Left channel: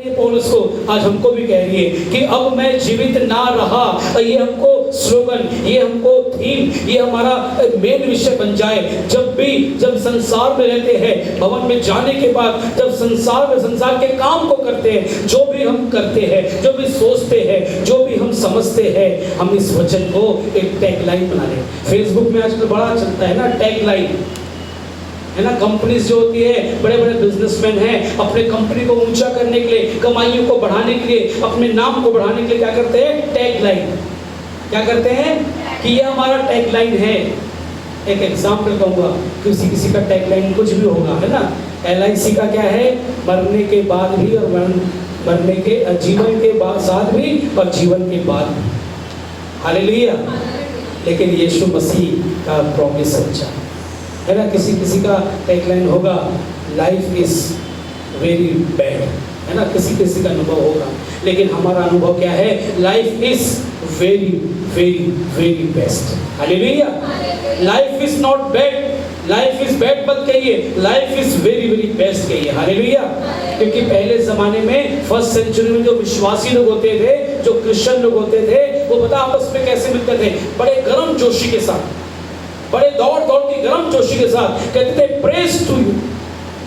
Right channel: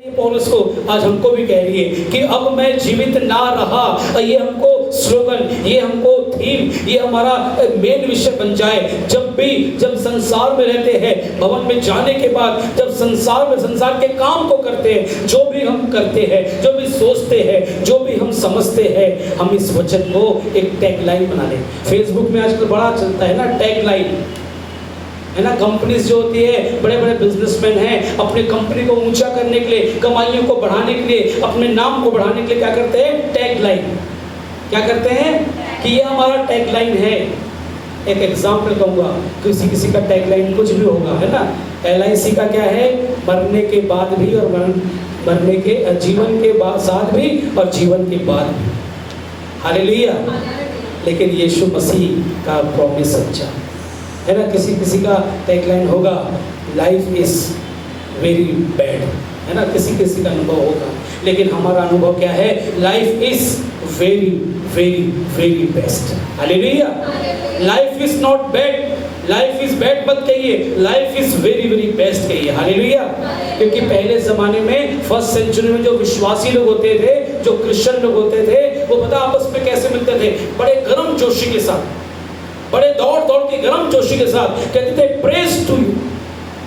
पौलुस को आज हमको भी कह रही है कि अब मैं जीवित ना रहा। ये हमको स्लोगन, ये हमको थीम, ये हमारा मेन विषय बन जाए। जब संसार में रहते हैं, भवन में जाने के बाद जब संसार के काम को करते हैं, जो भी हम करते हैं, जो भी सोचते हैं, जो भी हम समझते हैं, हम इस वचन को एक टैगलाइन बना लें। फेसबुक में आजकल बड़ा चलता है ना टैगलाइन, है ना। कंपनीज जो होती है, बड़े बड़े बिजनेसमैन हैं, अपने कंपनी को ऊंचा करने के लिए, कमाइयों को बढ़ाने के लिए, अपने नाम को बढ़ाने के लिए क्या करते हैं? टैगलाइन। क्या करते हैं कि ये हमारा टैगलाइन है। एक एग्जांपल कहूँगा, किसी का टैगलाइन कुछ भी होगा, है ना। LIC का क्या है? मरने के बाद भी और मरने के जीवन के बाद साथ भी और जीवन के बाद भी। हालेलुया। लेकिन यीशु मसीह का प्रॉमिस सच्चा है ना। किसी का टैगलाइन होगा लाइफ इज वेरी बैड, है ना। किसी का अनुभव होगा, लेकिन हमारा अनुभव क्या है? Life is very very very best. Hallelujah. Life is not bad, life is bad मत कहिए, life is very very best कहिए। हालेलुया। क्योंकि पहले जमाने में फर्स्ट सेंचुरी में जो विश्वासी लोग होते थे, जो क्रिश्चियन लोग होते थे, वो पता आपस में कैसे मिलते थे? बड़े गर्म जोशी के साथ, बड़े दौड़ की गर्म जोशी के साथ कहते थे praise to you,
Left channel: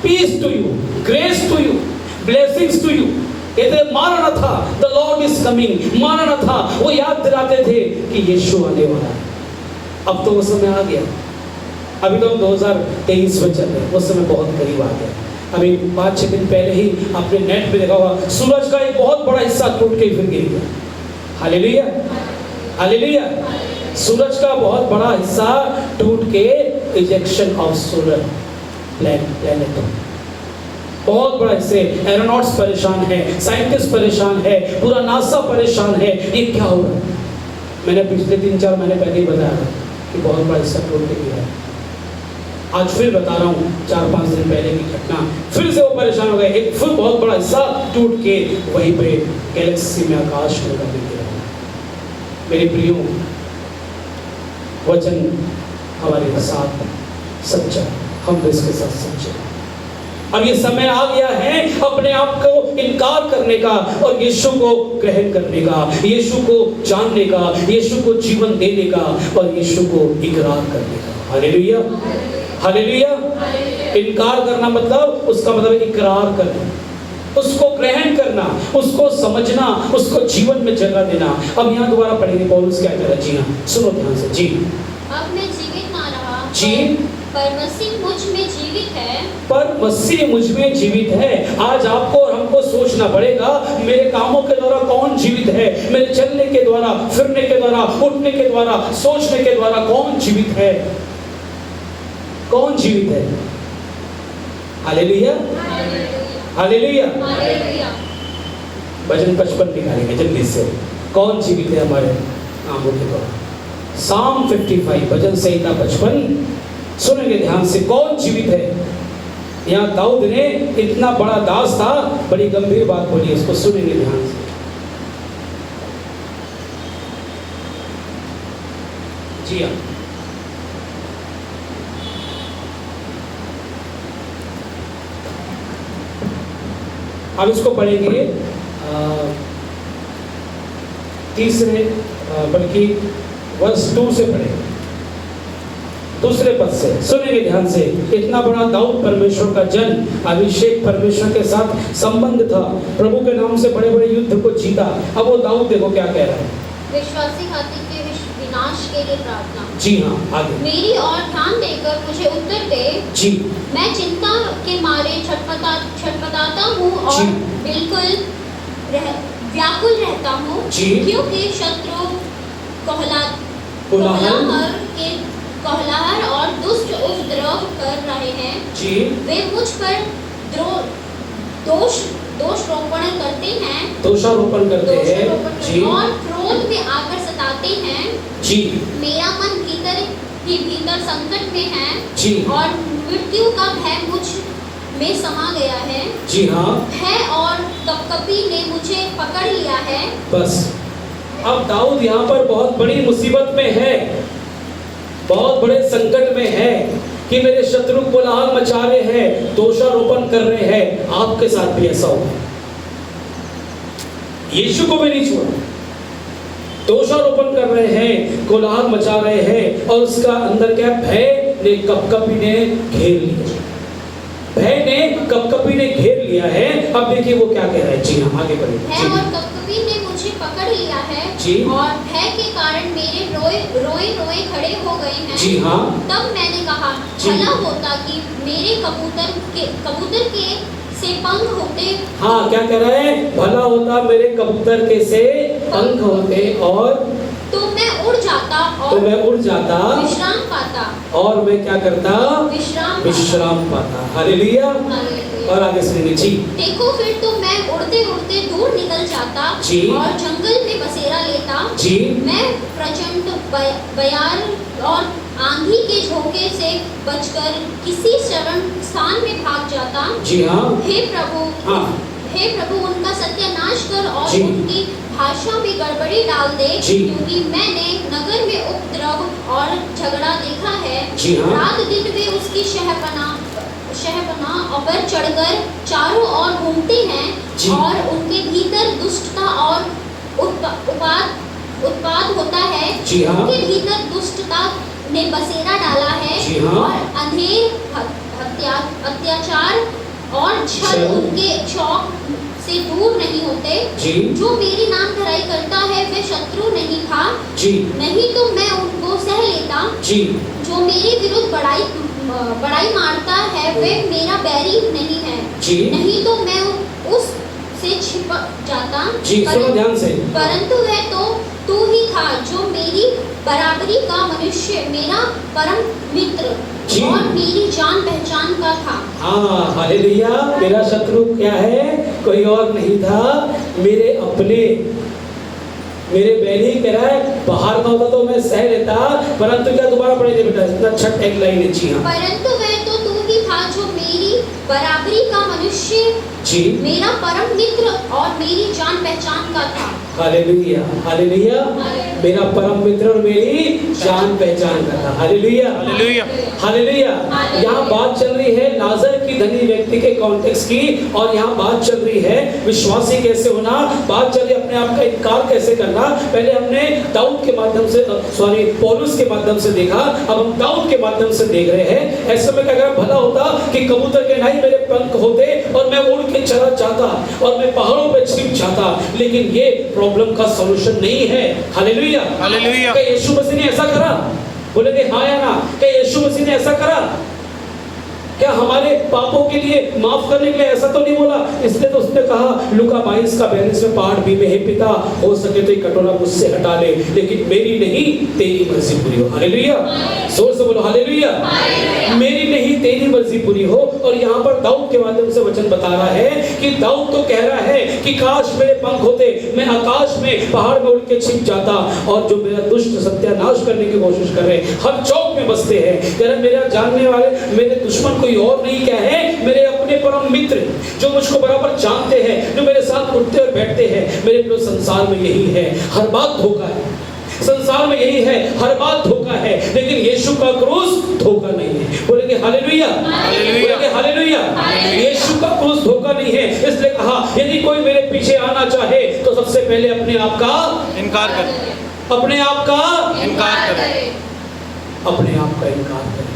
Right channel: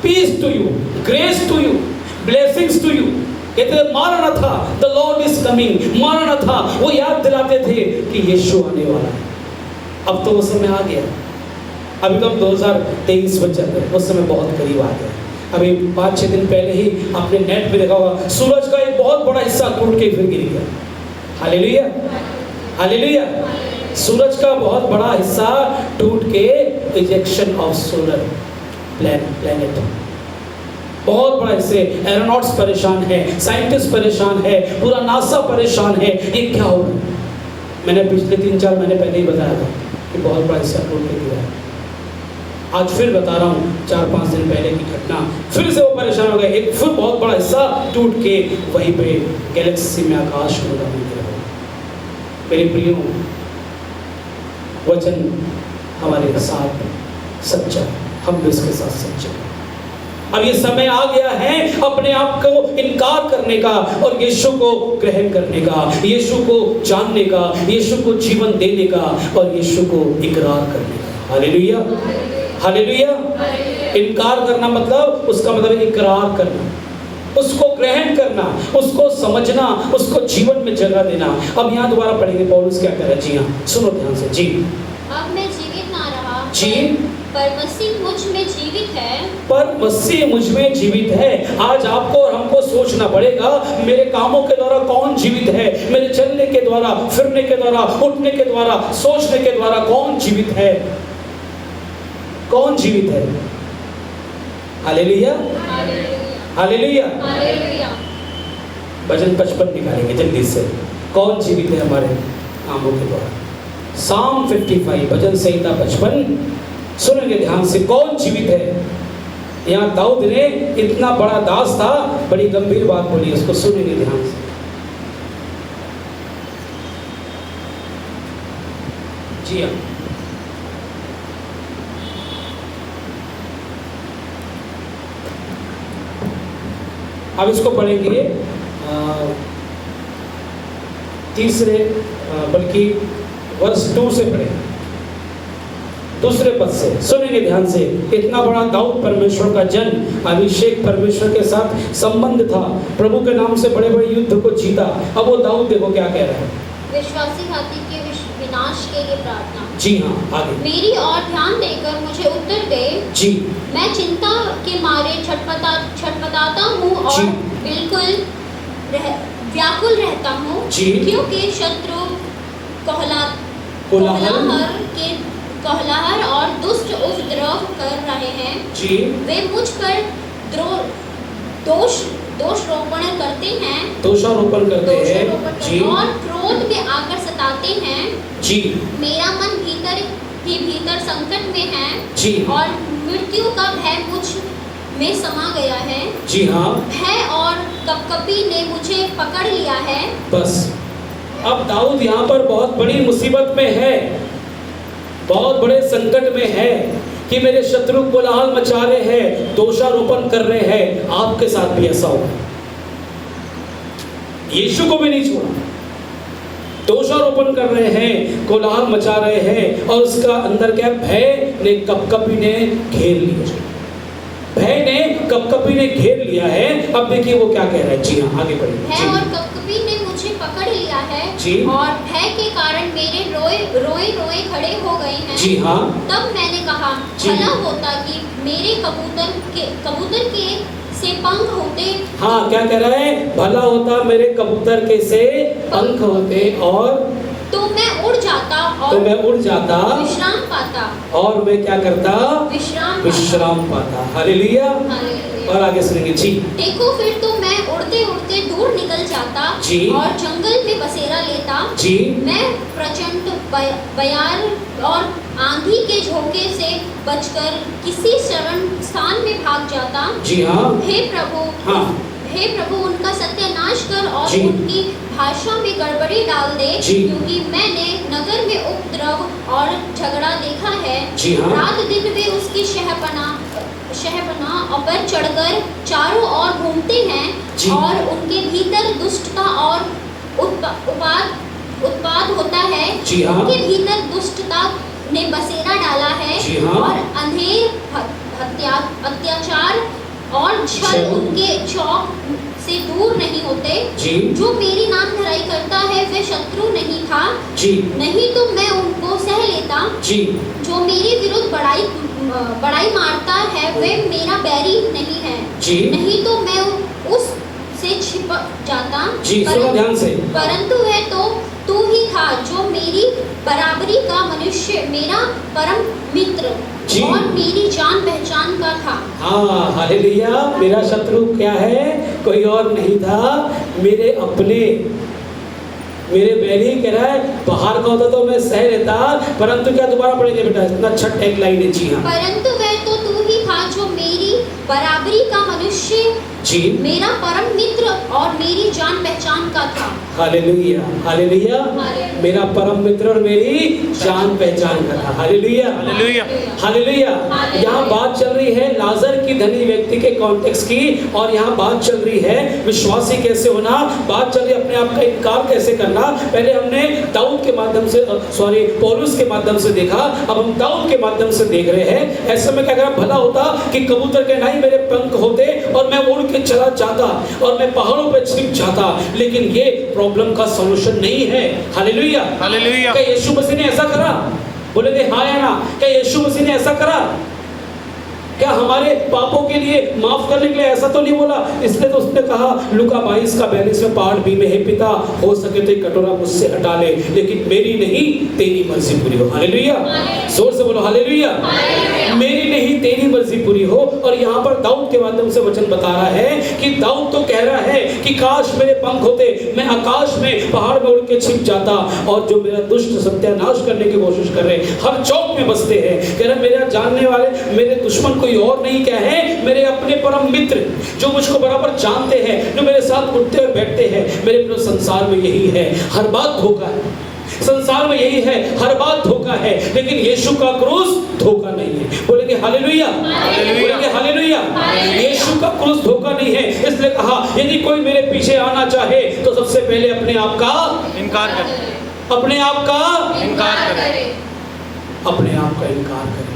peace to you, grace to you, blessings to you. कहते थे maranatha, the Lord is coming, maranatha. वो याद दिलाते थे कि यीशु आने वाला है। अब तो वो समय आ गया। अभी तो हम 2023 में चल रहे हैं, उस समय बहुत करीब आ गया। अभी 5-6 दिन पहले ही आपने नेट पे देखा होगा, सूरज का एक बहुत बड़ा हिस्सा टूट के फिर गिर गया। Hallelujah, hallelujah. सूरज का बहुत बड़ा हिस्सा टूट के इजेक्शन ऑफ सोलर प्लैनेट, बहुत बड़ा हिस्से। एरोनॉट्स परेशान है, साइंटिस्ट परेशान है, पूरा नासा परेशान है। ये क्या हो रहा है? मैंने पिछले 3-4 महीने पहले ही बताया था कि बहुत बड़ा हिस्सा टूट के गिरा है। आज फिर बता रहा हूँ, 4-5 दिन पहले की घटना, फिर से वो परेशान हो गए। एक फिर बहुत बड़ा हिस्सा टूट के वहीं पे गैलेक्सी में आकाश में गिरा। मेरे प्रियो, वचन हमारे साथ सच्चा, हम भी इसके साथ सच्चे। अब ये समय आ गया है अपने आप को इनकार करने का और यीशु को ग्रहण करने का, यीशु को जानने का, यीशु को जीवन देने का और यीशु को इकरार करने का। Hallelujah, hallelujah. इनकार करना मतलब, उसका मतलब इकरार करना, उसको ग्रहण करना, उसको समझना, उसको जीवन में जगह देना। अब यहाँ दोबारा पढ़ेंगे पौलुस क्या कह रहा है। जी हाँ, सुनो ध्यान से। जी, अब मैं जीवित ना रहा, जी, पर मसीह मुझ में जीवित है, पर मसीह मुझ में जीवित है। आज आपको और हमको सोचना पड़ेगा, मेरे कामों के द्वारा कौन जीवित है? मेरे चलने के द्वारा, फिरने के द्वारा, उठने के द्वारा, सोचने के द्वारा कौन जीवित है? कौन जीवित है? Hallelujah, hallelujah. भजन 55 निकालेंगे जल्दी से। कौन जीवित है हमारे आंखों के द्वारा? Psalm 55, भजन संहिता 55 सुनेंगे ध्यान से। कौन जीवित है? यहाँ दाऊद ने, इतना बड़ा दास था, बड़ी गंभीर बात बोली, उसको सुनेंगे ध्यान से। जी हाँ, अब इसको पढ़ेंगे तीसरे, बल्कि वर्ष 2 से पढ़े, दूसरे पद से सुनेंगे ध्यान से। इतना बड़ा दाऊद परमेश्वर का जन, अभिषेक परमेश्वर के साथ संबंध था, प्रभु के नाम से बड़े बड़े युद्ध को जीता। अब वो दाऊद देखो क्या कह रहा है। विश्वासी हाथी के विनाश के लिए प्रार्थना। जी हाँ, आगे। मेरी और ध्यान देकर मुझे उत्तर दे। जी, मैं चिंता के मारे छटपटाता हूँ और बिल्कुल व्याकुल रहता हूँ, क्योंकि शत्रु कोलाहल और दुष्ट उपद्रव कर रहे हैं। जी, वे मुझ पर दोषारोपण करते हैं, दोषारोपण करते हैं। जी, और क्रोध में आकर सताते हैं। जी, मेरा मन भीतर संकट में है। जी, और मृत्यु का भय मुझ में समा गया है। जी हाँ, है और कपकपी ने मुझे पकड़ लिया है। बस, अब दाऊद यहाँ पर बहुत बड़ी मुसीबत में है, बहुत बड़े संकट में है कि मेरे शत्रु कोलाहल मचा रहे हैं, दोषारोपण कर रहे हैं। आपके साथ भी ऐसा होगा। यीशु को भी नहीं छोड़ा, दोषारोपण कर रहे हैं, कोलाहल मचा रहे हैं, और उसका अंदर क्या, भय ने कपकपी ने घेर लिया, भय ने कपकपी ने घेर लिया है। अब देखिए वो क्या कह रहा है। जी हाँ, आगे बढ़िए। भय और कपकपी ने मुझे पकड़ लिया है जी, और भय के कारण मेरे रोए खड़े हो गए हैं। जी हाँ। तब मैंने कहा, भला होता कि मेरे कबूतर के से पंख होते। हाँ, क्या कह रहा है, भला होता मेरे कबूतर के से पंख होते, और तो मैं उड़ जाता, विश्राम पाता, और मैं क्या करता, विश्राम पाता। हालेलुया। और आगे सुनिए जी। देखो फिर तो मैं उड़ते उड़ते दूर निकल जाता जी, और जंगल में बसेरा लेता जी। मैं प्रचंड बयार और आंधी के झोंके से बचकर किसी शरण स्थान में भाग जाता। जी हाँ। हे प्रभु, हाँ, हे प्रभु, उनका सत्यानाश कर और जी, उनकी भाषा में गड़बड़ी डाल दे, क्योंकि मैंने नगर में उपद्रव और झगड़ा देखा है। जी हाँ। रात दिन वे उसकी शहपनाह पर चढ़कर चारों ओर घूमते हैं, और उनके भीतर दुष्टता और उत्पाद होता है। जी हाँ। उनके भीतर दुष्टता ने बसेरा डाला है। जी हाँ। और अंधेर, अत्याचार और छल उनके चौक से दूर नहीं होते। जी। जो मेरी नाम धराई करता है वह शत्रु नहीं था। जी। नहीं तो मैं उनको सह लेता। जी। जो मेरे विरुद्ध बड़ाई मारता है वह मेरा बैरी नहीं है। जी। नहीं तो मैं उस से छिपक जाता। जी, सुनो ध्यान से। परंतु वह तो तू ही था जो मेरी बराबरी का मनुष्य, मेरा परम मित्र और मेरी जान पहचान का था। हाँ, हालेलुया। मेरा शत्रु क्या है, कोई और नहीं था, मेरे अपने, मेरे बैरी। कह रहा है बाहर का होता तो मैं सह लेता, परंतु क्या, दोबारा पढ़ेंगे बेटा, इतना अच्छा टैग लाइन है। जी हाँ। परंतु वह तो तू ही था जो मेरी बराबरी का मनुष्य, जी, मेरा परम मित्र और मेरी जान पहचान का था। Hallelujah, hallelujah. मेरा परम मित्र और मेरी जान पहचान का था। Hallelujah, hallelujah, hallelujah. यहाँ बात चल रही है नाजर की धनी व्यक्ति के कॉन्टेक्स्ट की, और यहाँ बात चल रही है विश्वासी कैसे होना, बात चल रही है अपने आप का इनकार कैसे करना। पहले हमने दाऊद के माध्यम से, पौलुस के माध्यम से देखा, अब हम दाऊद के माध्यम से देख रहे हैं। ऐसे में क्या करा, भला होता कि कबूतर के नहीं मेरे पंख होते और मैं उड़ के चला जाता और मैं पहाड़ों पे छिप जाता, लेकिन ये प्रॉब्लम का सॉल्यूशन नहीं है। Hallelujah, hallelujah. क्या यीशु मसीह ने ऐसा करा? बोलेंगे हाँ या ना? क्या यीशु मसीह ने ऐसा करा? क्या हमारे पापों के लिए, माफ करने के लिए ऐसा तो नहीं बोला? इसलिए तो उसने कहा लूका 22:42 में, पाठ भी में, हे पिता हो सके तो ये कटोरा मुझसे हटा ले, लेकिन मेरी नहीं तेरी मर्जी पूरी हो। हालेलुया, जोर से बोलो हालेलुया। मेरी नहीं तेरी मर्जी पूरी हो। और यहाँ पर दाऊद के माध्यम से वचन बता रहा है कि दाऊद तो कह रहा है कि काश मेरे पंख होते, मैं आकाश में, पहाड़ में उड़ के छिप जाता, और जो मेरा दुष्ट सत्यानाश करने की कोशिश कर रहे हैं, हर चौक में बसते हैं, कह रहे मेरा जानने वाले, मेरे दुश्मन कोई और नहीं, क्या है, मेरे अपने परम मित्र जो मुझको बराबर जानते हैं, जो मेरे साथ उठते और बैठते हैं। मेरे पूरे संसार में यही है, हर बात धोखा है, संसार में यही है, हर बात धोखा है, लेकिन यीशु का क्रूस धोखा नहीं है। बोलेंगे हालेलुया, बोलेंगे हालेलुया। यीशु का क्रूस धोखा नहीं है। इसलिए कहा यदि कोई मेरे पीछे आना चाहे तो सबसे पहले अपने आप का इनकार करे, अपने आप का इनकार करे, अपने आप का इनकार करे।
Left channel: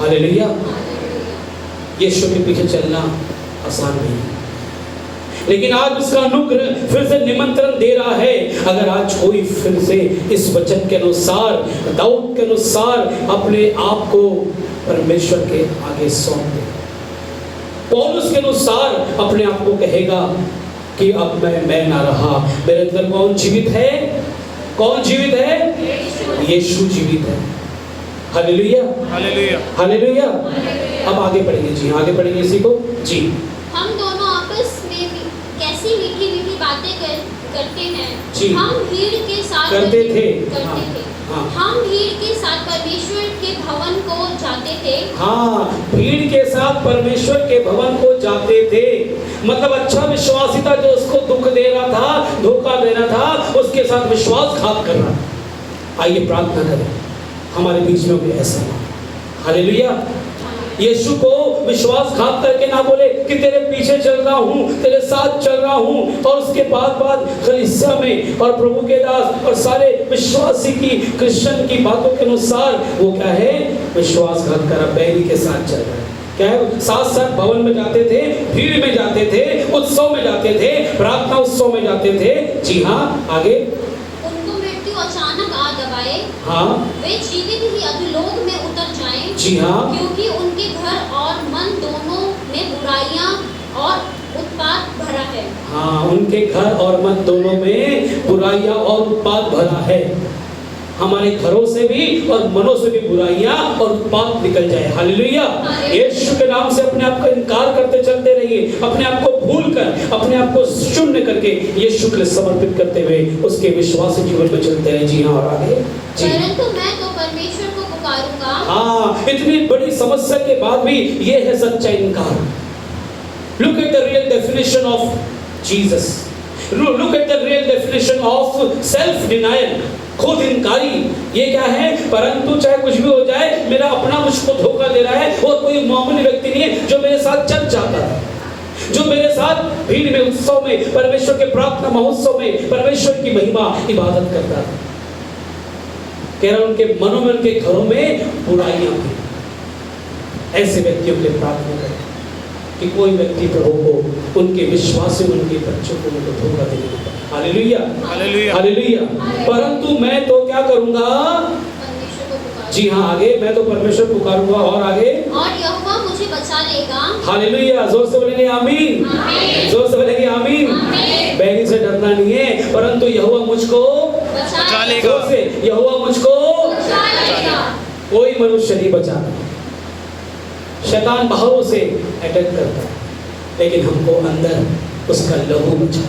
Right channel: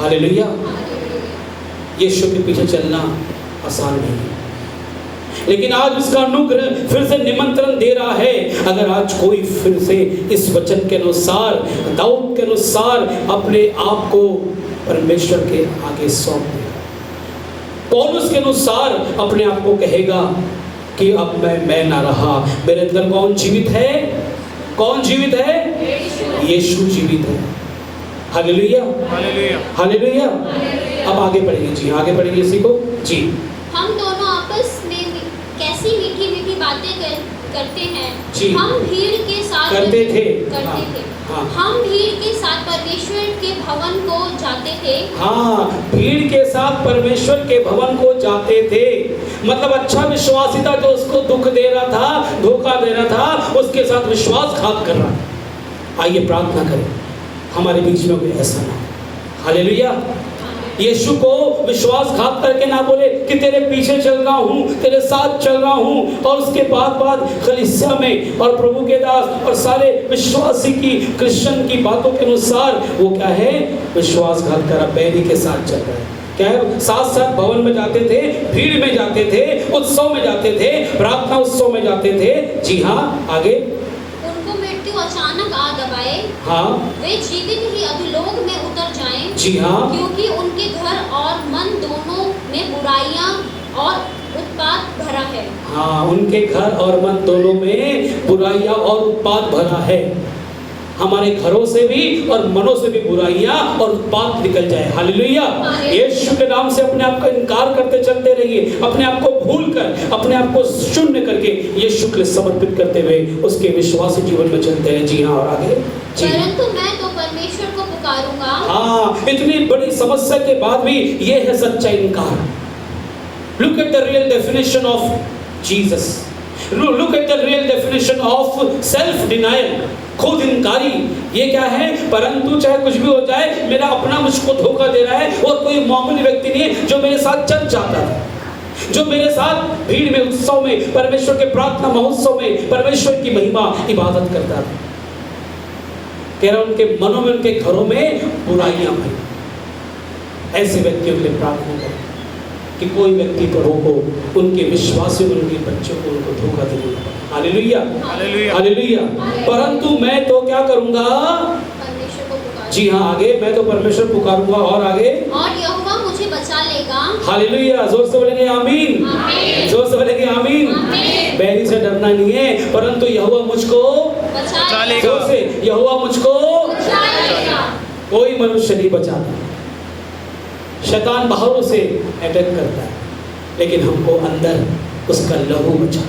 हालेलुया। यीशु के पीछे चलना आसान नहीं है, लेकिन आज इसका अनुग्रह फिर से निमंत्रण दे रहा है। अगर आज कोई फिर से इस वचन के अनुसार, दाऊद के अनुसार अपने आप को परमेश्वर के आगे सौंप दे, पौलुस के अनुसार अपने आप को कहेगा कि अब मैं ना रहा, मेरे अंदर कौन जीवित है? कौन जीवित है? यीशु जीवित है। Hallelujah, hallelujah, hallelujah. अब आगे पढ़िए जी, आगे पढ़िए इसी को जी। हम दोनों आपस में कैसी मीठी मीठी बातें करते हैं जी। हम भीड़ के साथ करते थे। हाँ। हम भीड़ के साथ परमेश्वर के भवन को जाते थे। हाँ, भीड़ के साथ परमेश्वर के भवन को जाते थे। मतलब अच्छा विश्वासी था जो उसको दुख दे रहा था, धोखा दे रहा था, उसके साथ विश्वासघात कर रहा था। आइए प्रार्थना करें हमारे बीच में भी ऐसा ना। हालेलुया। यीशु को विश्वासघात करके ना बोले कि तेरे पीछे चल रहा हूँ, तेरे साथ चल रहा हूँ, और उसके बाद कलीसिया में और प्रभु के दास और सारे विश्वासी की क्रिश्चियन की बातों के अनुसार वो क्या है, विश्वासघात करा, बैरी के साथ चल रहा है। क्या है, साथ भवन में जाते थे, भीड़ में जाते थे, उत्सव में जाते थे, प्रार्थना उत्सव में जाते थे। जी हाँ, आगे। उनको मृत्यु अचानक आ दबाए, हाँ, वे जीवित ही अधोलोक में उतर जाएं। जी हाँ, क्योंकि उनके घर और मन दोनों में बुराइयां और उत्पात भरा है। हाँ, उनके घर और मन दोनों में बुराइयां और उत्पात भरा है। हमारे घरों से भी और मनों से भी बुराइयां और उत्पात निकल जाए। हालेलुया। यीशु के नाम से अपने आप का इनकार करते चलते रहिए, अपने आप को भूल कर, अपने आप को शून्य करके यीशु के लिए समर्पित करते हुए उसके विश्वासी जीवन में चलते हैं। जी हाँ, और आगे। परंतु मैं तो परमेश्वर को पुकारूंगा। हाँ, इतनी बड़ी समस्या के बाद भी ये है सच्चा इनकार। Look at the real definition of Jesus. Look at the real definition of self-denial. खुद इनकारी। ये क्या है, परंतु चाहे कुछ भी हो जाए, मेरा अपना मुझको धोखा दे रहा है। वो कोई मामूली व्यक्ति नहीं है जो मेरे साथ चल जाता है, जो मेरे साथ भीड़ में, उत्सव में, परमेश्वर के प्रार्थना महोत्सव में परमेश्वर की महिमा इबादत करता है। कह रहा उनके मनों में, उनके घरों में बुराइयां भरी। ऐसे व्यक्तियों के लिए प्रार्थना करें कि कोई व्यक्ति प्रभु को, उनके विश्वासी, उनके बच्चों को उनको धोखा देने लगे। Hallelujah, hallelujah, hallelujah. परंतु मैं तो क्या करूंगा, परमेश्वर को पुकारूंगा। जी हाँ, आगे। मैं तो परमेश्वर पुकारूंगा, और आगे। और यहोवा मुझे बचा लेगा। हालेलुया। जोर से बोलेंगे आमीन, जोर से बोलेंगे आमीन। बैरी से डरना नहीं है, परंतु यहोवा मुझको बचा लेगा। जोर से, यहोवा मुझको बचा लेगा। कोई मनुष्य नहीं बचाता। शैतान बाहरों से अटैक करता है, लेकिन हमको अंदर उसका लहू बचा,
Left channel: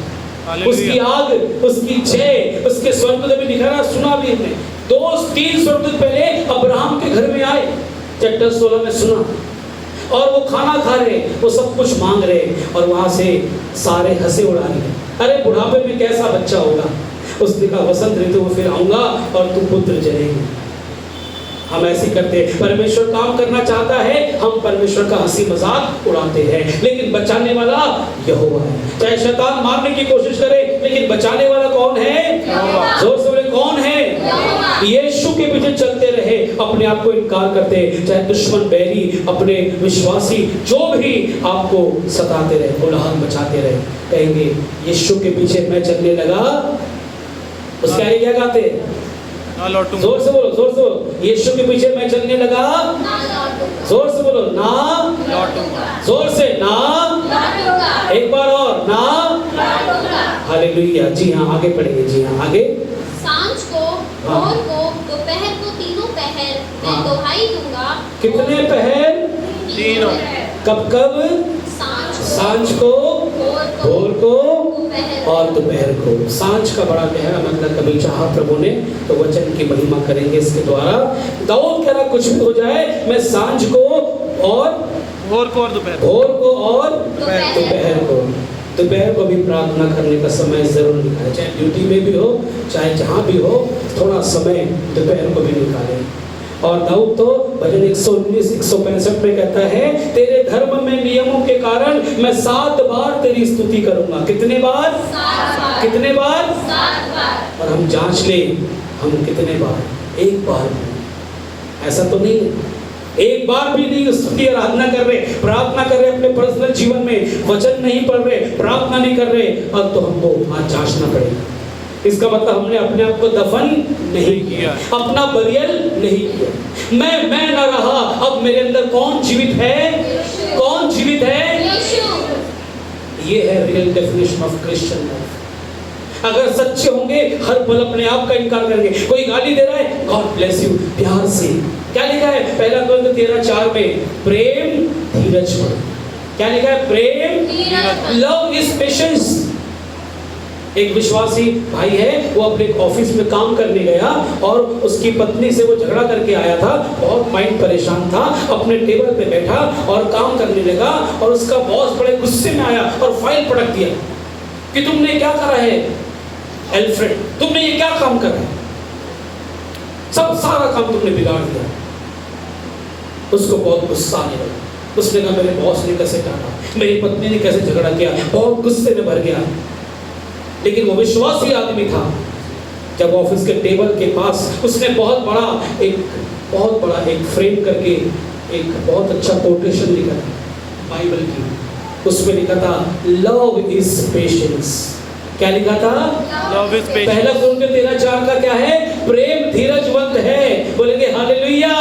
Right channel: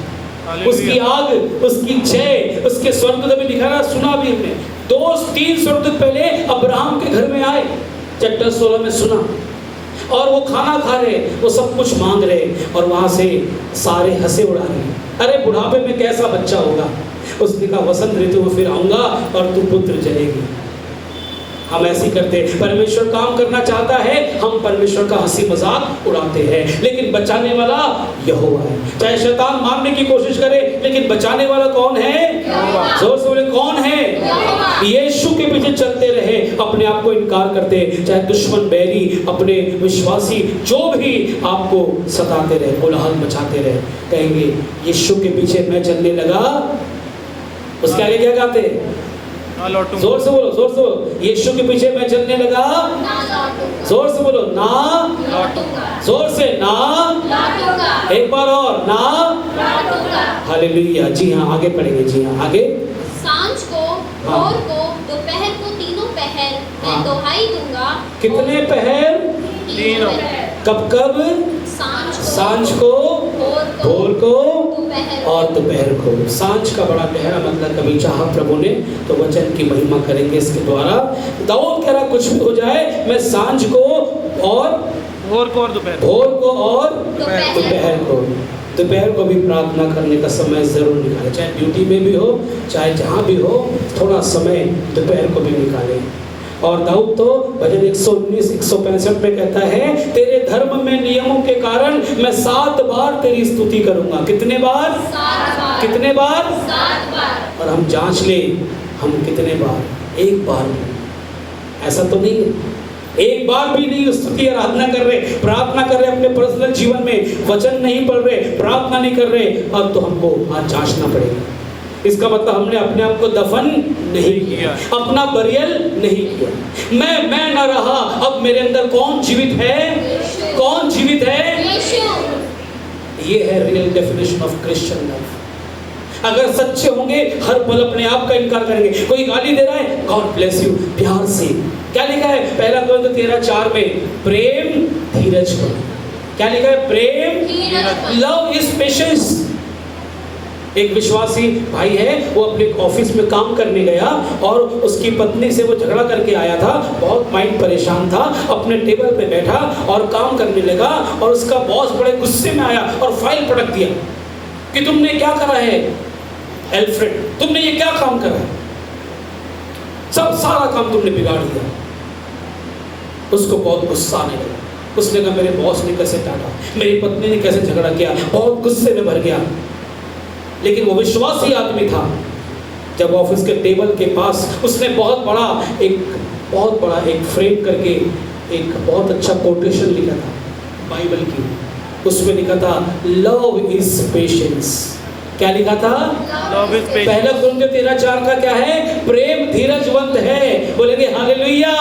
उसकी आग, उसकी जय, उसके स्वर्गदूत भी लिखा रहा, सुना भी हमने। 2-3 स्वर्गदूत पहले अब्राहम के घर में आए, चैप्टर 16 में सुना, और वो खाना खा रहे, वो सब कुछ मांग रहे, और वहां से सारे हंसे उड़ा रहे। अरे बुढ़ापे में कैसा बच्चा होगा। उसने कहा वसंत ऋतु में फिर आऊंगा और तू पुत्र जनेगी। हम ऐसे करते, परमेश्वर काम करना चाहता है, हम परमेश्वर का हंसी मजाक उड़ाते हैं, लेकिन बचाने वाला यहोवा है। चाहे शैतान मारने की कोशिश करे, लेकिन बचाने वाला कौन है, जोर से बोले कौन है, यीशु के पीछे चलते रहे, अपने आप को इनकार करते, चाहे दुश्मन, बैरी, अपने विश्वासी जो भी आपको सताते रहे, कोलाहल मचाते रहे, कहेंगे यीशु के पीछे मैं चलने लगा। उसके आगे क्या गाते, जोर से बोलो, जोर से बोलो, यीशु के पीछे मैं चलने लगा, जोर से बोलो, ना लौटूंगा, जोर से ना लौटूंगा, एक बार और, ना लौटूंगा। हालेलुया। जी हाँ, आगे पढ़ेंगे। जी हाँ, आगे। सांझ को, भोर को, दोपहर को, तीनों पहर मैं दोहाई दूंगा। कितने पहर, तीनों। कब कब, सांझ को, भोर को और दोपहर को। सांझ का बड़ा गहरा मतलब कभी चाहा प्रभु ने तो वचन की महिमा करेंगे इसके द्वारा। दाऊद कह रहा कुछ भी हो जाए, मैं सांझ को और भोर को और दोपहर, भोर को और दोपहर को। दोपहर को भी प्रार्थना करने का समय जरूर निकाले, चाहे ड्यूटी में भी हो, चाहे जहाँ भी हो, थोड़ा समय दोपहर को भी निकाले। और दाऊद तो भजन 119-165 में कहता है, तेरे धर्म में नियमों के कारण मैं 7 बार तेरी स्तुति करूंगा। कितने बार, 7 बार। कितने बार, 7 बार। और हम जांच लें, हम कितने बार, एक बार भी। ऐसा तो नहीं, एक बार भी नहीं स्तुति आराधना कर रहे, प्रार्थना कर रहे, अपने पर्सनल जीवन में वचन नहीं पढ़ रहे, प्रार्थना नहीं कर रहे, अब तो हमको आज जांचना पड़ेगा। इसका मतलब हमने अपने आप को दफन नहीं किया, अपना बरियल नहीं किया। मैं न रहा, अब मेरे अंदर कौन जीवित है, कौन जीवित है, ये है real definition of Christian life. अगर सच्चे होंगे, हर पल अपने आप का इनकार करेंगे। कोई गाली दे रहा है, गॉड ब्लेस यू, प्यार से। क्या लिखा है 1 कोरिन्थियों 13:4 में, प्रेम धीरज को। क्या लिखा है, प्रेम, लव इज पेशेंस। एक विश्वासी भाई है, वो अपने ऑफिस में काम करने गया और उसकी पत्नी से वो झगड़ा करके आया था, बहुत माइंड परेशान था, अपने टेबल पे बैठा और काम करने लगा, और उसका बॉस बड़े गुस्से में आया और फाइल पटक दिया कि तुमने क्या करा है एल्फ्रेड, तुमने ये क्या काम करा है, सब सारा काम तुमने बिगाड़ दिया। उसको बहुत गुस्सा आने लगा। उसने कहा मेरे बॉस ने कैसे डांटा, मेरी पत्नी ने कैसे झगड़ा किया, बहुत गुस्से में भर गया। लेकिन वो विश्वासी आदमी था। जब ऑफिस के टेबल के पास उसने बहुत बड़ा एक फ्रेम करके एक बहुत अच्छा कोटेशन लिखा था बाइबल की। उसमें लिखा था लव इज पेशेंस। क्या लिखा था? Love is patience. पहला कुरिन्थियों 13:4 का क्या है? प्रेम धीरजवंत है। बोलेंगे हालेलुया,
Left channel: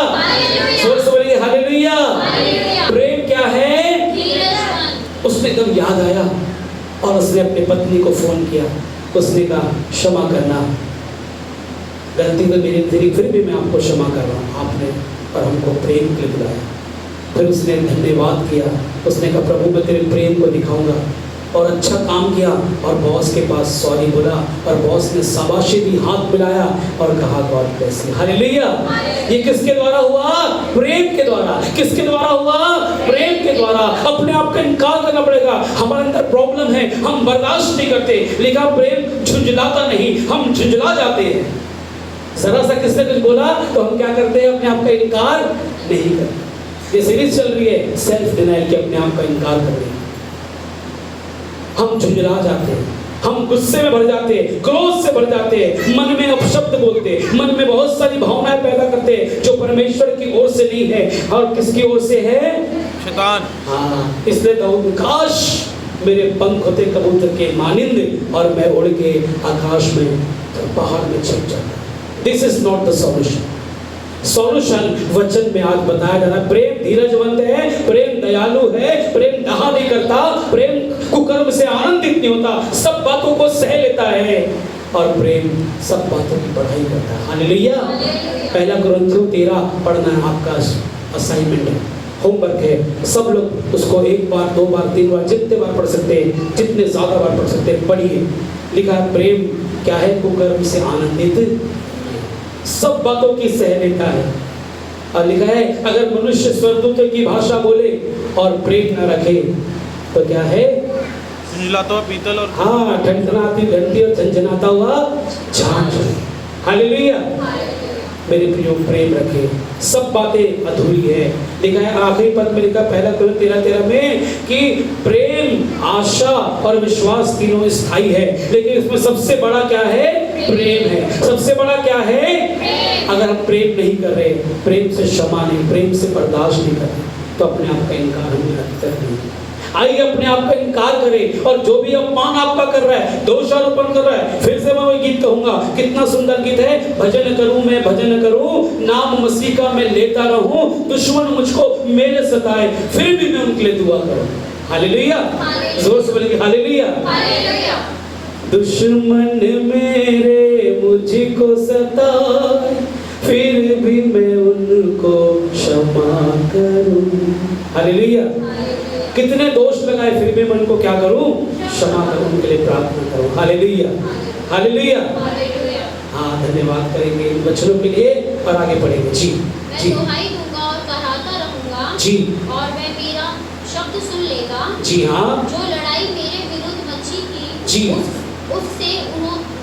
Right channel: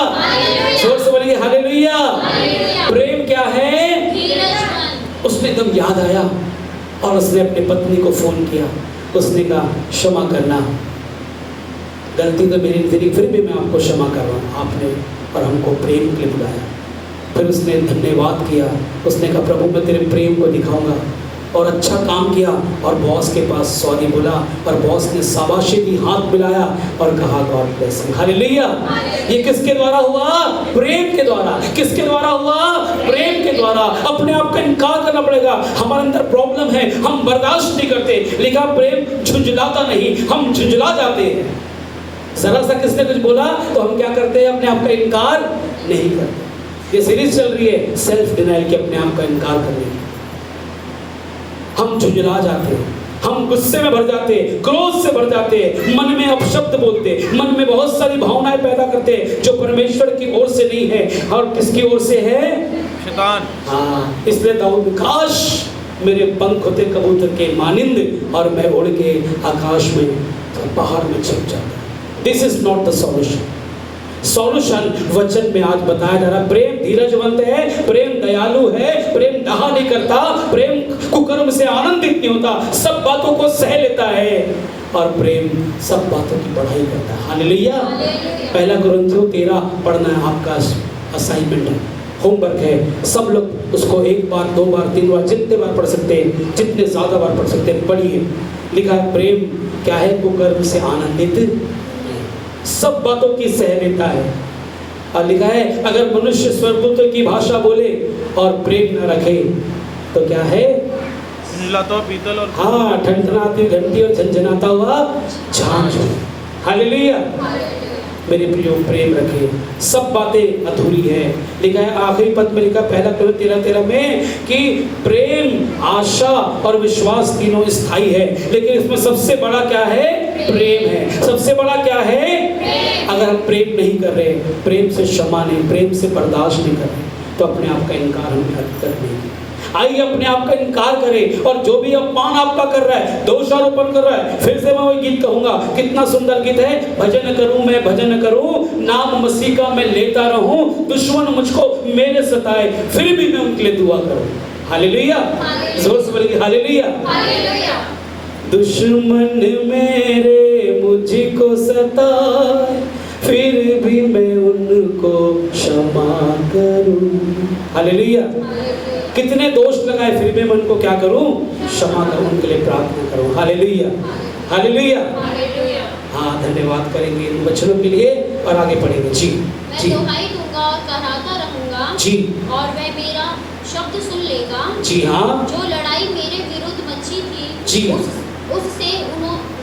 जोर से बोलेंगे हालेलुया। प्रेम क्या है? उसने एकदम याद आया और उसने अपनी पत्नी को फोन किया। उसने कहा क्षमा करना, गलती तो मेरी थी, फिर भी मैं आपको क्षमा कर रहा हूँ, आपने और हमको प्रेम के लिए बुलाया। फिर उसने धन्यवाद किया। उसने कहा प्रभु मैं तेरे प्रेम को दिखाऊंगा, और अच्छा काम किया और बॉस के पास सॉरी बोला और बॉस ने शाबाशी दी, हाथ मिलाया और कहा गॉड ब्लेस यू। हालेलुया। ये किसके द्वारा हुआ? प्रेम के द्वारा। किसके द्वारा हुआ? प्रेम के द्वारा। अपने आप का इनकार करना पड़ेगा। हमारे अंदर प्रॉब्लम है, हम बर्दाश्त नहीं करते। लिखा प्रेम झुंझलाता नहीं, हम झुंझला जाते हैं। जरा सा किसने कुछ बोला तो हम क्या करते हैं? अपने आप का इनकार नहीं करते। ये सीरीज चल रही है सेल्फ डिनाइल के, अपने आप का इनकार करने। हम झुंझला जाते हैं, हम गुस्से में भर जाते हैं, क्रोध से भर जाते हैं, मन में अपशब्द बोलते, मन में बहुत सारी भावनाएं पैदा करते हैं जो परमेश्वर की ओर से नहीं है। और किसकी ओर से है? शैतान। हाँ, इसलिए दाऊद काश मेरे पंख होते कबूतर के मानिंद और मैं उड़ के आकाश में पहाड़ में छिप जाता। This is not the solution. Solution वचन में आज बताया जा रहा है। प्रेम धीरजवंत है, प्रेम दयालु है, प्रेम डहा नहीं करता, प्रेम कुकर्म से आनंदित नहीं होता, सब बातों को सह लेता है और प्रेम सब बातों की पढ़ाई करता है। हालेलुया। पहला कुरिन्थियों 13 पढ़ना है, आपका असाइनमेंट है, होमवर्क है। सब लोग उसको 1 बार 2 बार 3 बार जितने बार पढ़ सकते हैं, जितने ज्यादा बार पढ़ सकते हैं, पढ़िए। लिखा प्रेम क्या है? कुकर्म से आनंदित, सब बातों की सह लेता है। और लिखा है अगर मनुष्य स्वर्गदूत की भाषा बोले और प्रेम न रखे तो क्या है? झुंझलाता पीतल और हाँ, ठनठनाती घंटी और झंझनाता हुआ झांझ। हालेलुया। मेरे प्रियो प्रेम रखे, सब बातें अधूरी है। लिखा है आखिरी पद में लिखा पहला कुरिन्थियों 13 में कि प्रेम, आशा और विश्वास तीनों स्थायी है, लेकिन इसमें सबसे बड़ा क्या है? प्रेम है। सबसे बड़ा क्या है? अगर हम प्रेम नहीं कर रहे, प्रेम से क्षमा नहीं, प्रेम से बर्दाश्त नहीं कर रहे, तो अपने आप का इनकार हम कर नहीं। आइए अपने आप का इनकार करें, और जो भी अपमान आपका कर रहा है, दोषारोपण कर रहा है, फिर से मैं वही गीत कहूंगा, कितना सुंदर गीत है। भजन करूं मैं भजन करूं, नाम मसीह का मैं लेता रहूं, दुश्मन मुझको मेरे सताए, फिर भी मैं उनके लिए दुआ करूं। हालेलुया। जोर से बोलिए हालेलुया। दुश्मन मेरे मुझको सताए, फिर भी मैं उनको क्षमा करूं। हालेलुया। कितने दोष लगाए, फिर भी मैं उनको क्या करूं? क्षमा करूं, उनके लिए प्रार्थना करूं। हालेलुया। हालेलुया। हाँ, धन्यवाद करेंगे इन बच्चों के लिए और आगे पढ़ेंगे। जी जी। मैं दुहाई दूंगा और कराता रहूंगा जी, और वह मेरा शब्द सुन लेगा। जी हाँ। जो लड़ाई मेरे विरुद्ध मची थी जी, उससे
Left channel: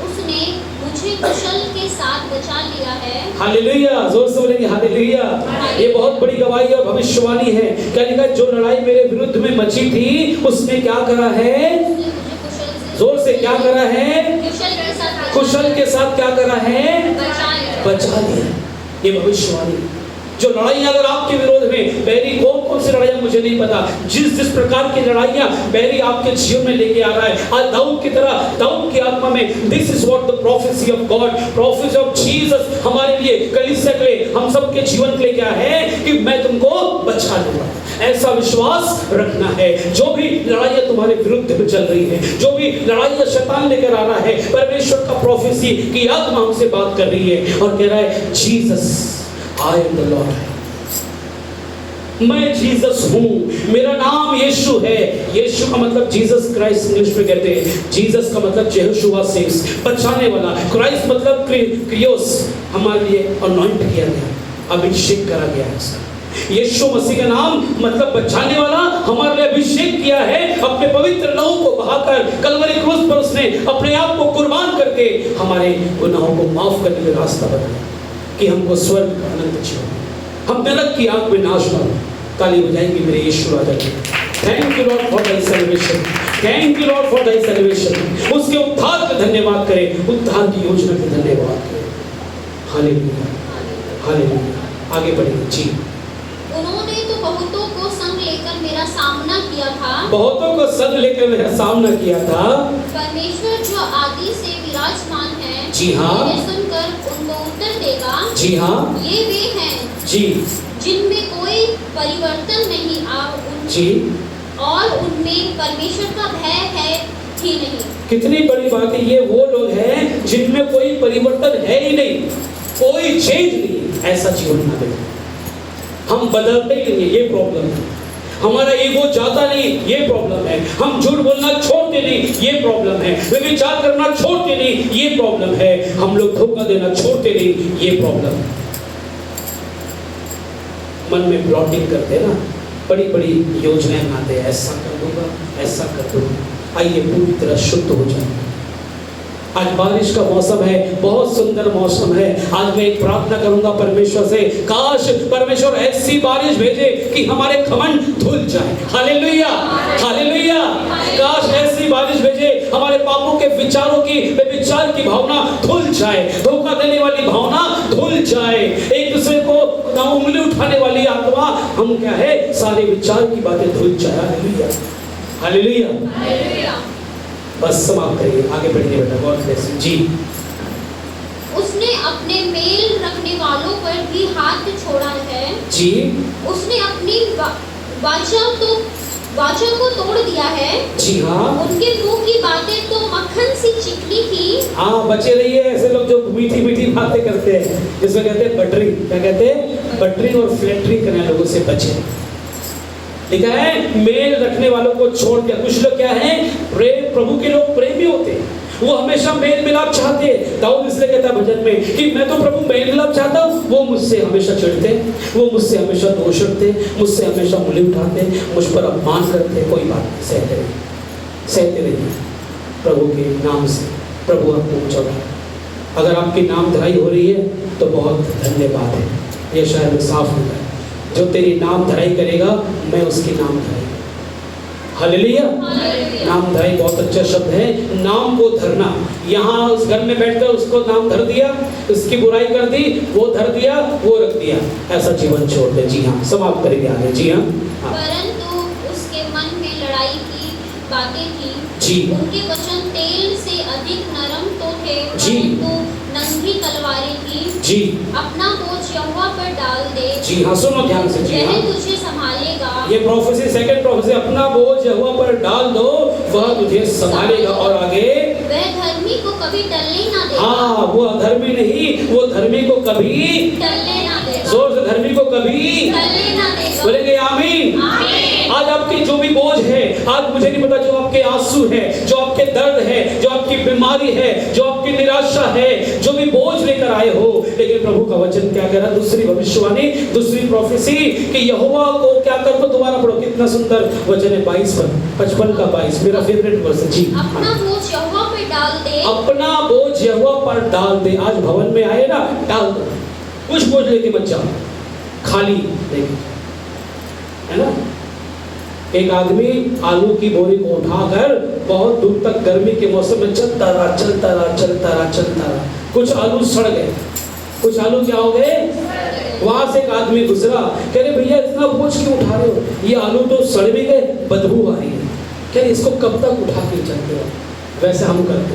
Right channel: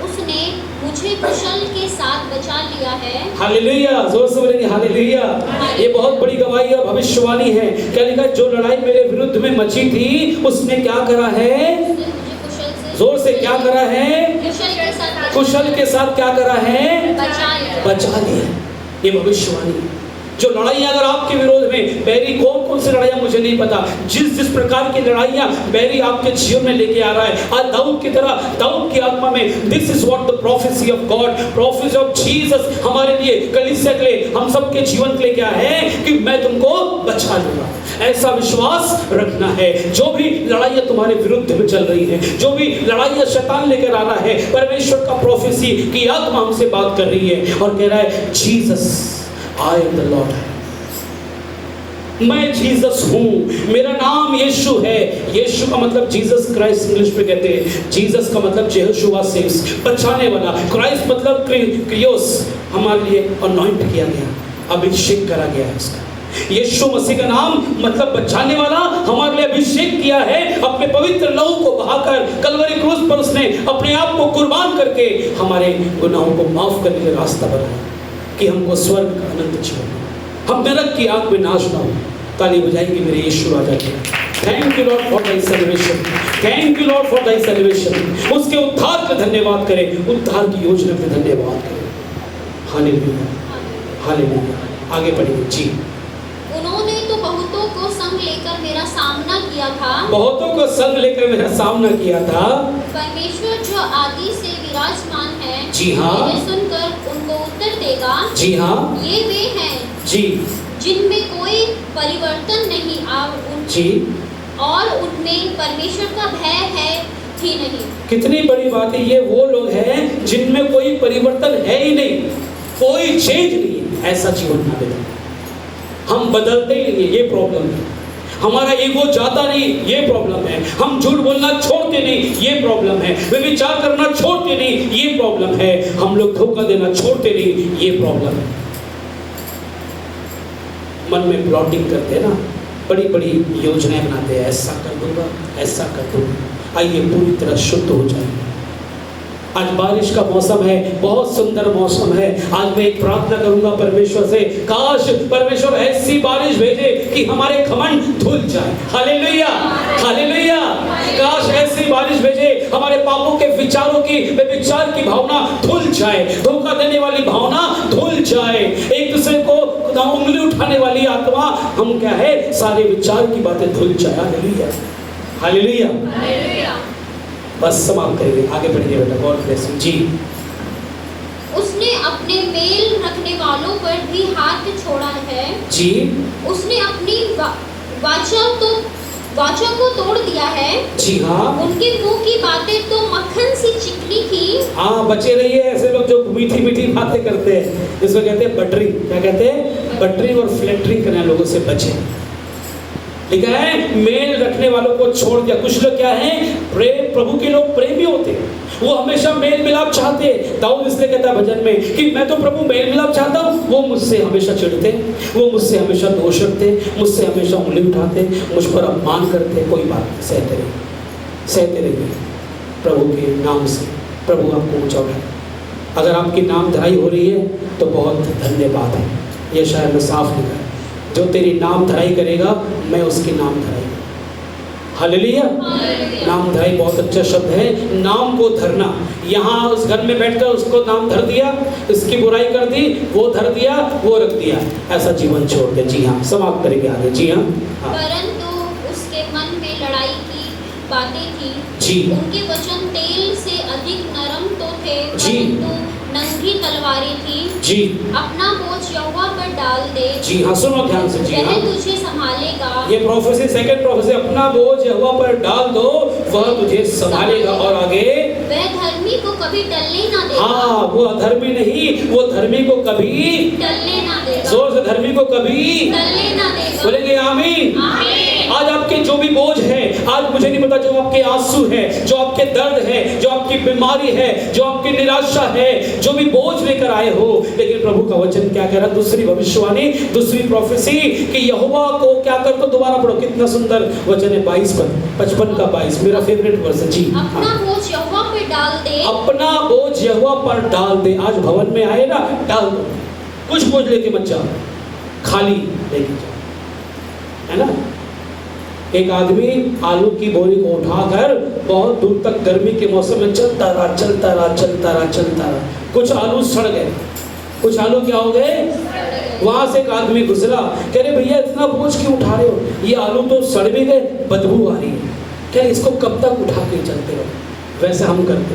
उसने मुझे कुशल के साथ बचा लिया है। हालेलुया। जोर से बोलेंगे हालेलुया। ये बहुत बड़ी गवाही और भविष्यवाणी है। क्या लिखा? जो लड़ाई मेरे विरुद्ध में मची थी उसने क्या करा है? जोर से क्या करा है? कुशल के साथ क्या करा है? बचा लिया। ये भविष्यवाणी। जो लड़ाइयां अगर आपके विरोध में, बैरी कौन सी लड़ाइयां मुझे नहीं पता, जिस प्रकार की लड़ाइयां बैरी आपके जीवन में लेके आ रहा है, आज दाऊद की तरह, दाऊद की आत्मा में, this is what the prophecy of God, prophecy of Jesus हमारे लिए, कलीसिया के लिए, हम सब के जीवन के लिए क्या है कि मैं तुमको बचा लूंगा। ऐसा विश्वास रखना है। जो भी लड़ाइयां तुम्हारे विरुद्ध में चल रही है, जो भी लड़ाइयां शैतान लेकर आ रहा है, परमेश्वर का प्रोफेसी की आत्मा हमसे बात कर रही है और कह रहा है Jesus I am the Lord. मैं जीसस हूँ, मेरा नाम यीशु है। यीशु का मतलब जीसस क्राइस्ट इंग्लिश में कहते हैं। जीसस का मतलब यहोशुआ सेव्स, बचाने वाला। क्राइस्ट मतलब क्रियोस, हमारे लिए अनॉइंट किया गया, अभिषेक करा गया इसका। यीशु मसीह का नाम मतलब बचाने वाला, हमारे लिए अभिषेक किया है। अपने पवित्र लहू को बहाकर कलवरी क्रूस पर उसने अपने आप को कुर्बान करके हमारे गुनाहों को माफ करने का रास्ता बनाया कि हमको स्वर्ग का आनंद जीवन, हम नरक की आग में नाश ना हो। ताली बजाएंगे मेरे यीशु राजा के। Thank you Lord for thy salvation, thank you Lord for thy salvation. उसके उद्धार के धन्यवाद करें, उद्धार की योजना पे धन्यवाद करें। Hallelujah, hallelujah. आगे बढ़िए जी। उन्होंने तो बहुतों को संग लेकर मेरा सामना किया था, बहुतों को संग लेकर मेरा सामना किया था। परमेश्वर जो आदि से विराजमान है, जी हाँ, मेरे सुनकर उनको उत्तर देगा। जी हाँ, ये वे हैं जी, जिनमें कोई परिवर्तन नहीं जी, और उनमें परमेश्वर का भय है ही नहीं। कितनी बड़ी बात है। ये वो लोग हैं जिनमें कोई परिवर्तन है ही नहीं, कोई चेंज नहीं है। ऐसा जीवन ना दे, हम बदलते ही नहीं, ये प्रॉब्लम है। हमारा ईगो जाता नहीं, ये प्रॉब्लम है। हम झूठ बोलना छोड़ते नहीं, ये प्रॉब्लम है। व्यभिचार करना छोड़ते नहीं, ये प्रॉब्लम है। हम लोग धोखा देना छोड़ते नहीं, ये प्रॉब्लम है। मन में प्लॉटिंग करते हैं ना, बड़ी बड़ी योजनाएं बनाते हैं, ऐसा कर दूंगा, ऐसा कर दूंगा। आइए पूरी तरह शुद्ध हो जाए। आज बारिश का मौसम है, बहुत सुंदर मौसम है। आज मैं एक प्रार्थना करूंगा परमेश्वर से, काश परमेश्वर ऐसी बारिश भेजे कि हमारे घमंड धुल जाए। Hallelujah, hallelujah. काश ऐसी बारिश भेजे, हमारे पापों के विचारों की, विचार की भावना धुल जाए, धोखा देने वाली भावना धुल जाए, एक दूसरे को उंगली उठाने वाली आत्मा, हम क्या है, सारे विचार की बातें धुल जाए। Hallelujah, hallelujah, hallelujah. बस समाप्त करिए, आगे बढ़िए बेटा। बहुत ब्लेस यू जी। उसने अपने मेल रखने वालों पर भी हाथ छोड़ा है जी। उसने अपनी वाचा को तोड़ दिया है। जी हाँ। उनके मुंह की बातें तो मक्खन सी चिकनी थी। हाँ, बचे रहिए ऐसे लोग जो मीठी मीठी बातें करते हैं, जिसको कहते हैं बटरी। क्या कहते हैं? बटरी और फ्लैटरी करने लोगों से बचे। लिखा है मेल रखने वालों को छोड़ दिया। कुछ लोग क्या हैं, प्रभु के लोग प्रेमी होते हैं, वो हमेशा मेल मिलाप चाहते हैं। दाऊद इसलिए कहता है भजन में कि मैं तो प्रभु मेल मिलाप चाहता हूँ, वो मुझसे हमेशा चिढ़ते, वो मुझसे हमेशा दोष रखते, मुझसे हमेशा उंगली उठाते, मुझ पर अपमान करते। कोई बात नहीं, सहते रहिए, सहते रहिए प्रभु के नाम से। प्रभु आपको ऊंचा उठाए। अगर आपकी नामधराई हो रही है तो बहुत धन्यवाद है। ये शायद में साफ लिखा है, जो तेरी नाम धराई करेगा मैं उसकी नाम धराई। हालेलुया। नाम धराई बहुत अच्छा शब्द है, नाम को धरना। यहाँ उस घर में बैठकर उसको नाम धर दिया, उसकी बुराई कर दी, वो धर दिया, वो रख दिया, ऐसा जीवन छोड़ दे। जी हाँ, समाप्त करेंगे आगे। जी हाँ। परंतु उसके मन में लड़ाई की बातें थी। जी। उनके वचन तेल से अधिक नरम तो थे, जी। परंतु नंगी तलवारें थी। जी। अपना बोझ यहोवा पर डाल दे। जी हाँ, सुनो ध्यान से। जी हाँ, वह तुझे संभालेगा। ये प्रोफेसी, सेकंड प्रोफेसी, अपना बोझ यहोवा पर डाल दो, वह तुझे संभालेगा। और आगे, वह धर्मी को कभी टलने ना देगा। हाँ, वो अधर्मी नहीं, वो धर्मी को कभी टलने ना देगा। जोर से, धर्मी को कभी टलने ना देगा। बोलेंगे आमीन। आज आपके जो भी बोझ है, आज मुझे नहीं पता, जो आपके आंसू है, जो आपके दर्द है, जो आपकी बीमारी है, जो आपकी निराशा है, जो भी बोझ लेकर आए हो, लेकिन प्रभु का वचन क्या कह रहा, दूसरी भविष्यवाणी, दूसरी प्रोफेसी कि यहोवा को क्या कर दो। दोबारा पढ़ो, कितना सुंदर वचन है, 22 पर 55 का 22, मेरा फेवरेट वर्स है। जी। अपना बोझ यहोवा पर डाल दे। अपना बोझ यहोवा पर डाल दे। आज भवन में आए ना, डाल दो, कुछ बोझ लेके मत जाओ, खाली लेके, है ना। एक आदमी आलू की बोरी को उठाकर बहुत दूर तक गर्मी के मौसम में चलता रहा, चलता रहा, चलता रहा, चलता रहा। कुछ आलू सड़ गए, कुछ आलू क्या हो गए, वहां से एक आदमी गुजरा, कह रहे भैया इतना बोझ क्यों उठा रहे हो, ये आलू तो सड़ भी गए, बदबू आ रही है, कह रहे इसको कब तक उठा के चलते हो। वैसे हम करते,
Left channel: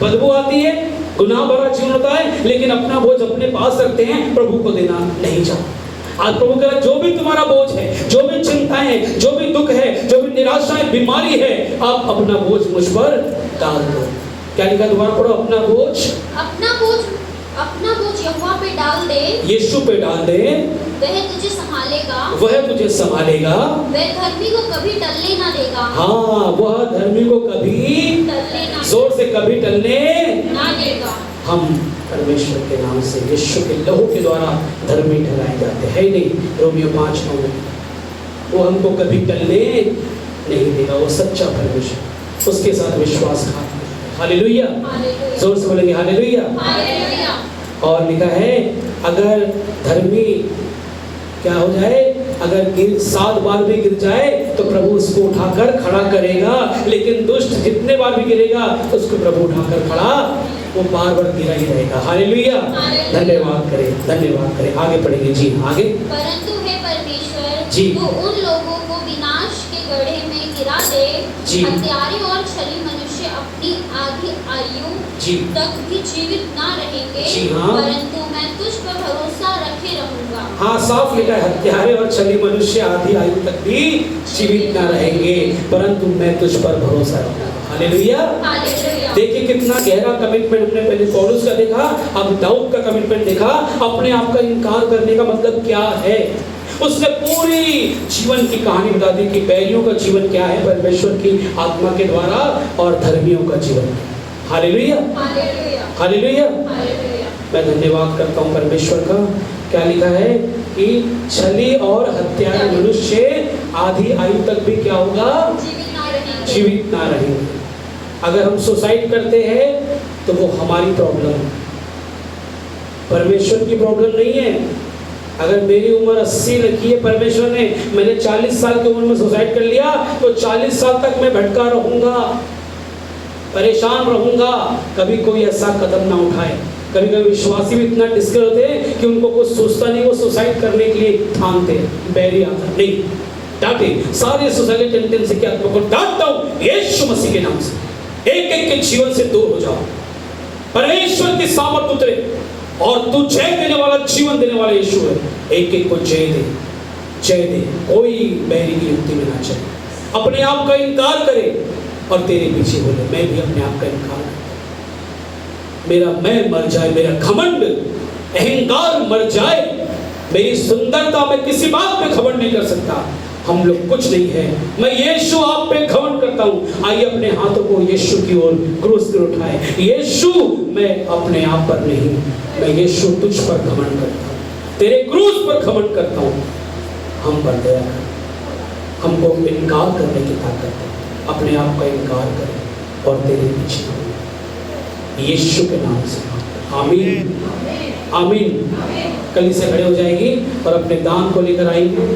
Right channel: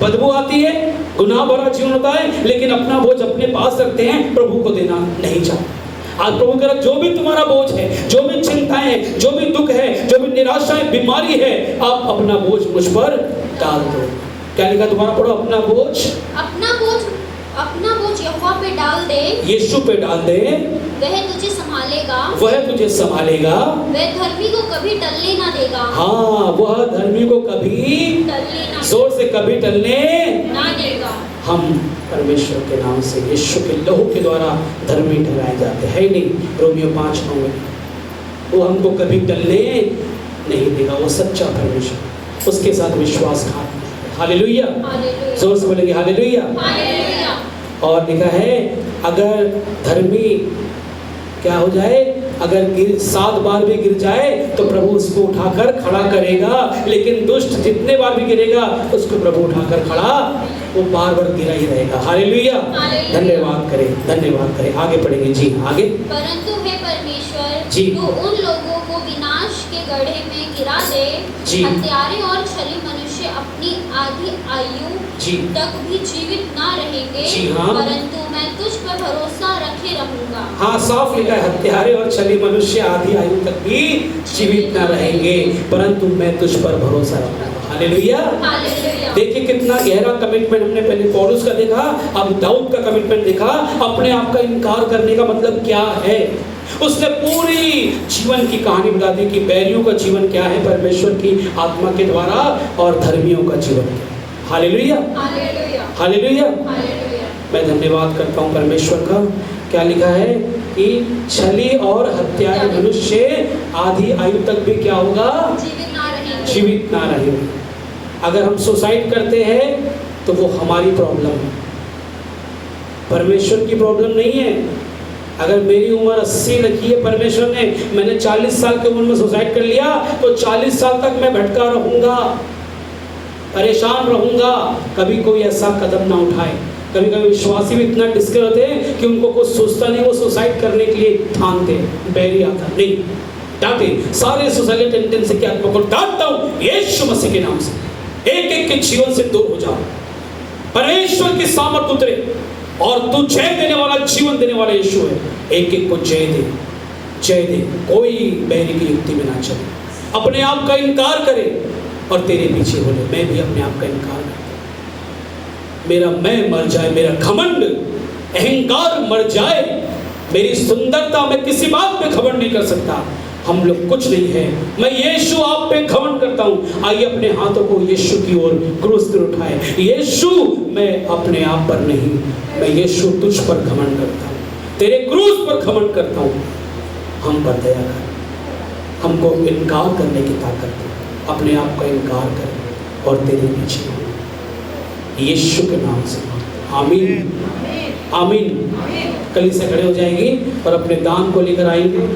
बदबू आती है, गुनाह भरा जीवन होता है, लेकिन अपना बोझ अपने पास रखते हैं, प्रभु को देना नहीं चाहते। आज प्रभु कह रहा, जो भी तुम्हारा बोझ है, जो भी चिंताएं, जो भी दुख है, जो भी निराशा है, बीमारी है, आप अपना बोझ मुझ पर डाल दो। क्या लिखा, दोबारा पढ़ो, अपना बोझ यहोवा पे डाल दे, यीशु पे डाल दे, वह तुझे संभालेगा, वह तुझे संभालेगा, वह धर्मी को कभी टलने ना देगा। हाँ, वह धर्मी को कभी टलने ना, जोर से, कभी टलने ना देगा। हम परमेश्वर के नाम से, यीशु के लहू के द्वारा धर्मी ठहराए जाते हैं। नहीं, रोमियो 5:9 में, वो हमको कभी टलने नहीं देगा। वो सच्चा परमेश्वर, उसके साथ विश्वासघात। हालेलुया, जोर से बोलेंगे हालेलुया। और लिखा है, अगर धर्मी क्या हो जाए, अगर 7 बार भी गिर जाए तो प्रभु उसको उठाकर खड़ा करेगा, लेकिन दुष्ट जितने बार भी गिरेगा उसको प्रभु उठाकर खड़ा, वो बार बार गिरा ही रहेगा। हालेलुया, धन्यवाद करें। आगे पढ़ेंगे जी, आगे। परंतु हे परमेश्वर, जी, वो उन लोगों को विनाश के गड्ढे में गिरा दे, जी, हत्यारे और छली मनुष्य अपनी आधी आयु जी तक भी जीवित ना रहेंगे, जी हाँ, परंतु मैं तुझ पर भरोसा रखे रहूंगा। हाँ, साफ लिखा है, हत्यारे और छली मनुष्य आधी आयु तक भी जीवित ना रहेंगे, परंतु मैं तुझ पर भरोसा रखूंगा। हालेलुया। देखिए कितना गहरा कमिटमेंट हमने पहले पौलुस का देखा, अब दाऊद का कमिटमेंट देखा। अपने आप का इनकार करने का मतलब क्या है, उसने पूरी जीवन की कहानी बता दी कि बैरियों का जीवन क्या है परमेश्वर की आत्मा के द्वारा और धर्मियों का जीवन। Hallelujah, hallelujah. मैं धन्यवाद करता हूँ परमेश्वर का। क्या लिखा है कि छली और हत्यारे मनुष्य आधी आयु तक भी क्या होगा, जीवित ना रहेंगे। अगर हम सुसाइड करते हैं तो वो हमारी प्रॉब्लम है, परमेश्वर की प्रॉब्लम नहीं है। अगर मेरी उम्र 80 लिखी है परमेश्वर ने, मैंने 40 साल की उम्र में सुसाइड कर लिया तो 40 साल तक मैं भटका रहूंगा, परेशान रहूंगा। कभी कोई ऐसा कदम ना उठाए। कभी कभी विश्वासी भी इतना डिस्कस होते हैं कि उनको कुछ सोचता नहीं, वो सुसाइड करने के लिए ठानते हैं। बैरी आता नहीं, डांटे सारे सुसाइड टेंडेंसी के आत्मा को डांटता हूं यीशु मसीह के नाम से। एक एक के जीवन से दूर हो जाओ, परमेश्वर की सामर्थ उतरे और तू जय देने वाला, जीवन देने वाला यीशु है। एक एक को जय दे, जय दे। कोई बैरी की युक्ति में ना चले, अपने आप का इनकार करे और तेरे पीछे बोले मैं भी अपने आप का इनकार, मेरा मैं मर जाए, मेरा घमंड अहंकार मर जाए, मेरी सुंदरता, मैं किसी बात पे घमंड नहीं कर सकता। हम लोग कुछ नहीं है, मैं यीशु आप पे घमंड करता हूँ। आइए अपने हाथों को यीशु की ओर क्रूस पर उठाए। यीशु मैं अपने आप पर नहीं, मैं यीशु तुझ पर घमंड करता हूँ, तेरे क्रूस पर घमंड करता हूँ। हम पर दया कर, हमको इनकार करने की ताकत, अपने आप का इनकार कर और तेरे पीछे यीशु के नाम से। आमीन, आमीन। कल से खड़े हो जाएंगे और अपने दान को लेकर आएंगे।